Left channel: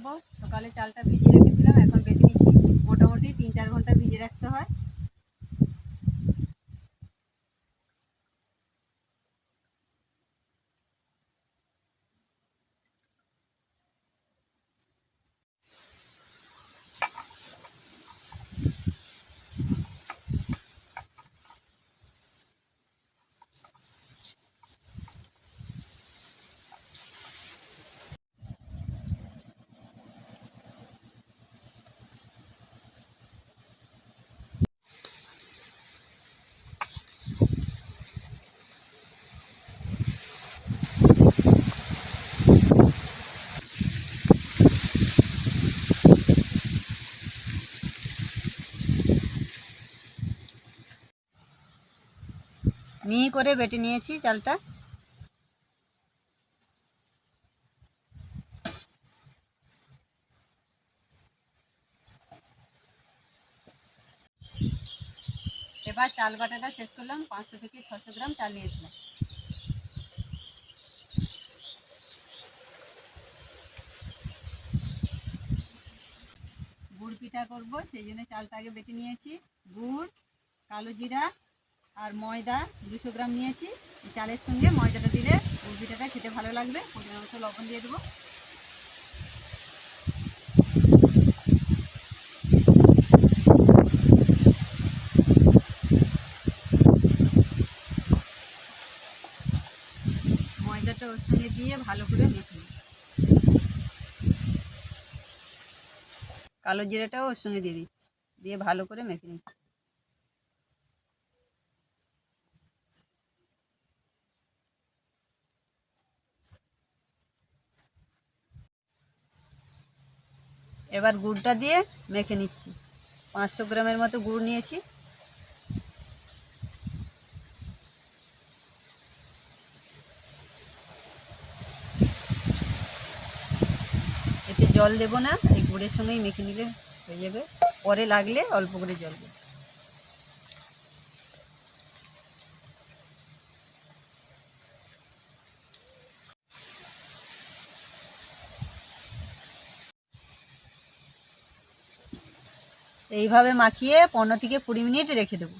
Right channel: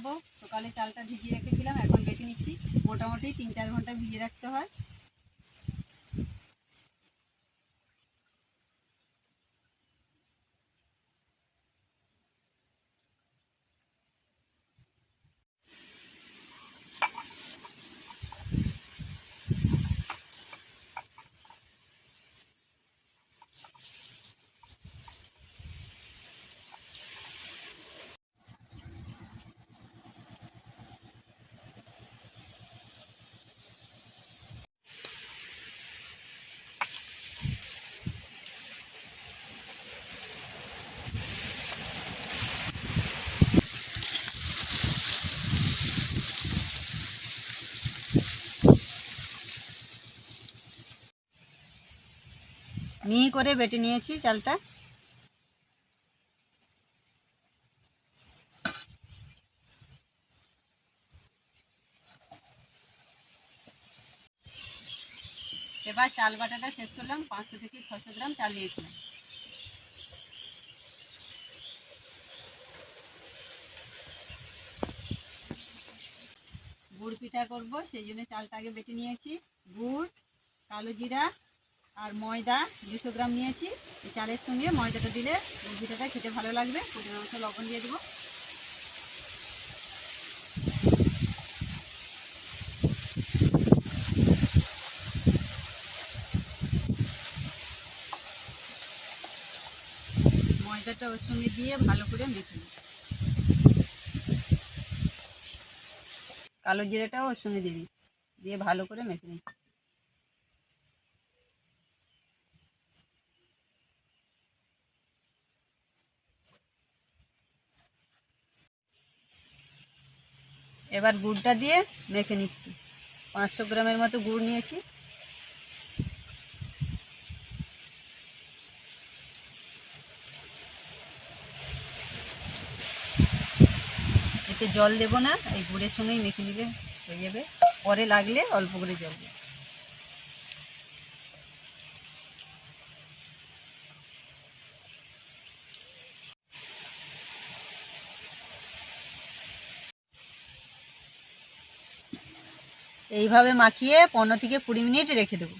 দেখাবো। সকালে চালটা ভিজিয়ে রেখেছিলাম, এখন বেটে নিচ্ছি। মোটামুটি 3-4 ঘন্টা ভিজিয়ে রাখতে হয়। মিহি করে বেটে নিয়েছি চালটা। এবার চাল বাটাটা শেষ করলাম। 500 থেকে 600 গ্রাম চাল নিয়েছিলাম। গুড় পিঠা করব, সেই জন্য চালটা আগে বেটে নিয়েছি। গুড়, কালো জিরা আর ময়দা 200 গ্রাম নিয়েছি। এই চালের সঙ্গে ময়দাটা দিলে গুড় পিঠাটা খেতে ভালো লাগবে। পরিমাণ মতো লবণ দিয়ে দেবো। ময়দাটা ওর সঙ্গে দিয়ে ভালো করে মেখে নেব। কালো জিরাটাও ওর সঙ্গে দিয়ে দিচ্ছি, দিয়ে ভালো করে মেখে নিচ্ছি। এবার গুড়টা দিয়ে মেখে নিচ্ছি। 500 গ্রামের মতো গুড় নিয়েছি। এতে জল দেবো না, এই গুড়ের সঙ্গেই মেখে নিলে হয়ে যাবে। পরে লাগলে অল্প করে জল দেব। এইভাবে মাখিয়ে 15 থেকে 20 মিনিট রেখে দেবো।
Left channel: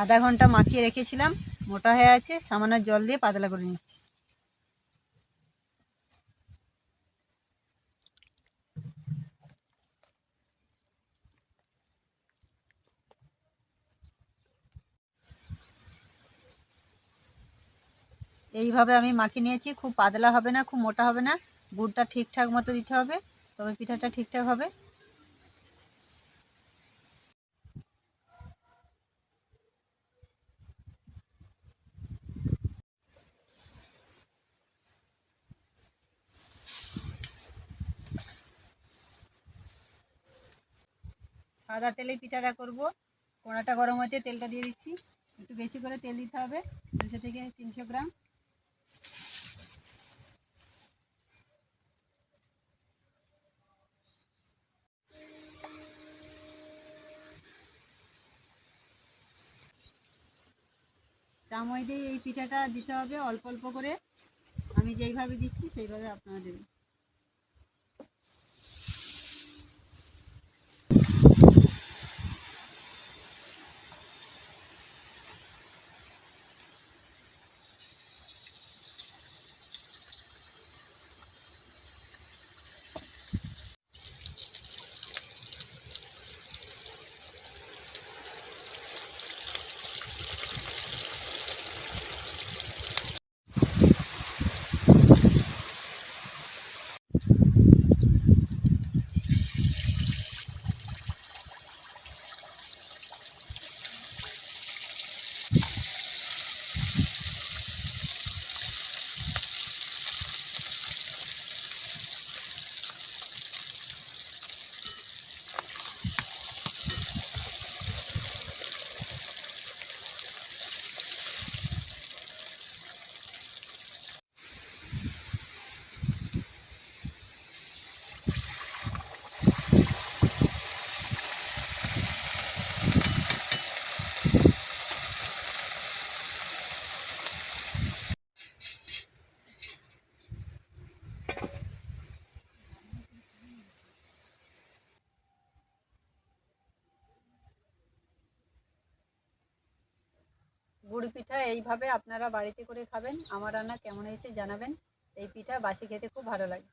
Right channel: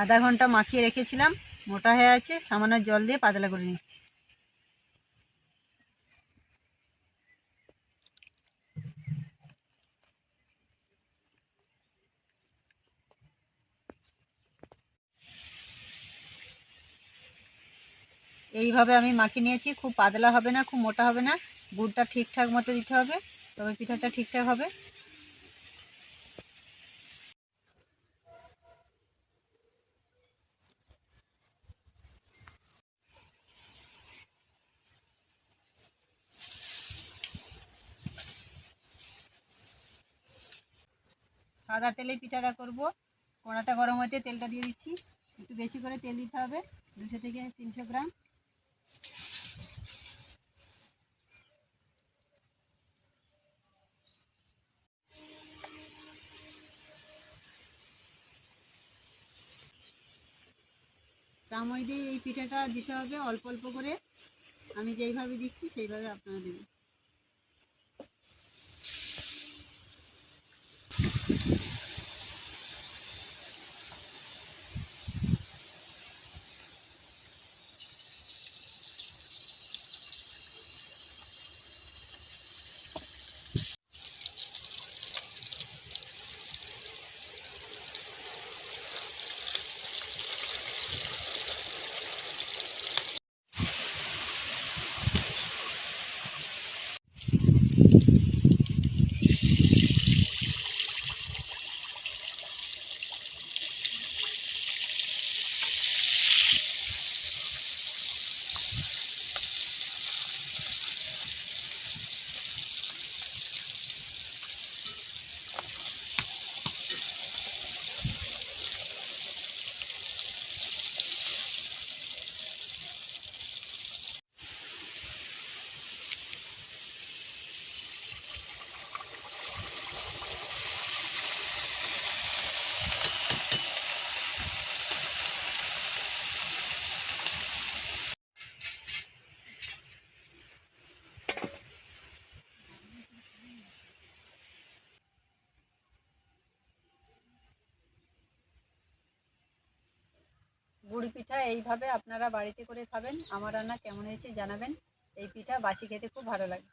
আধা ঘন্টা মাখিয়ে রেখেছিলাম, মোটা হয়ে আছে। সামান্য জল দিয়ে পাতলা করে নিচ্ছি। এইভাবে আমি মাখিয়ে নিয়েছি। খুব পাতলা হবে না, খুব মোটা হবে না। গুড়টা ঠিকঠাক মতো দিতে হবে, তবে পিঠাটা ঠিকঠাক হবে। সাদা তেলে পিঠাটা করব। কড়াটা গরম হতে তেলটা দিয়ে দিচ্ছি। একটু বেশি করে তেল দিতে হবে, 200 থেকে 300 গ্রাম। চামচ দিয়ে এই পিঠাটা দিতে হবে অল্প অল্প করে। আমি যেইভাবে দিচ্ছি সেইভাবে আপনারা দেবেন। গুড় পিঠা এইভাবে আপনারা বাড়িতে করে খাবেন। আমার রান্না কেমন হয়েছে জানাবেন। এই পিঠা বাসি খেতে খুব ভালো লাগে।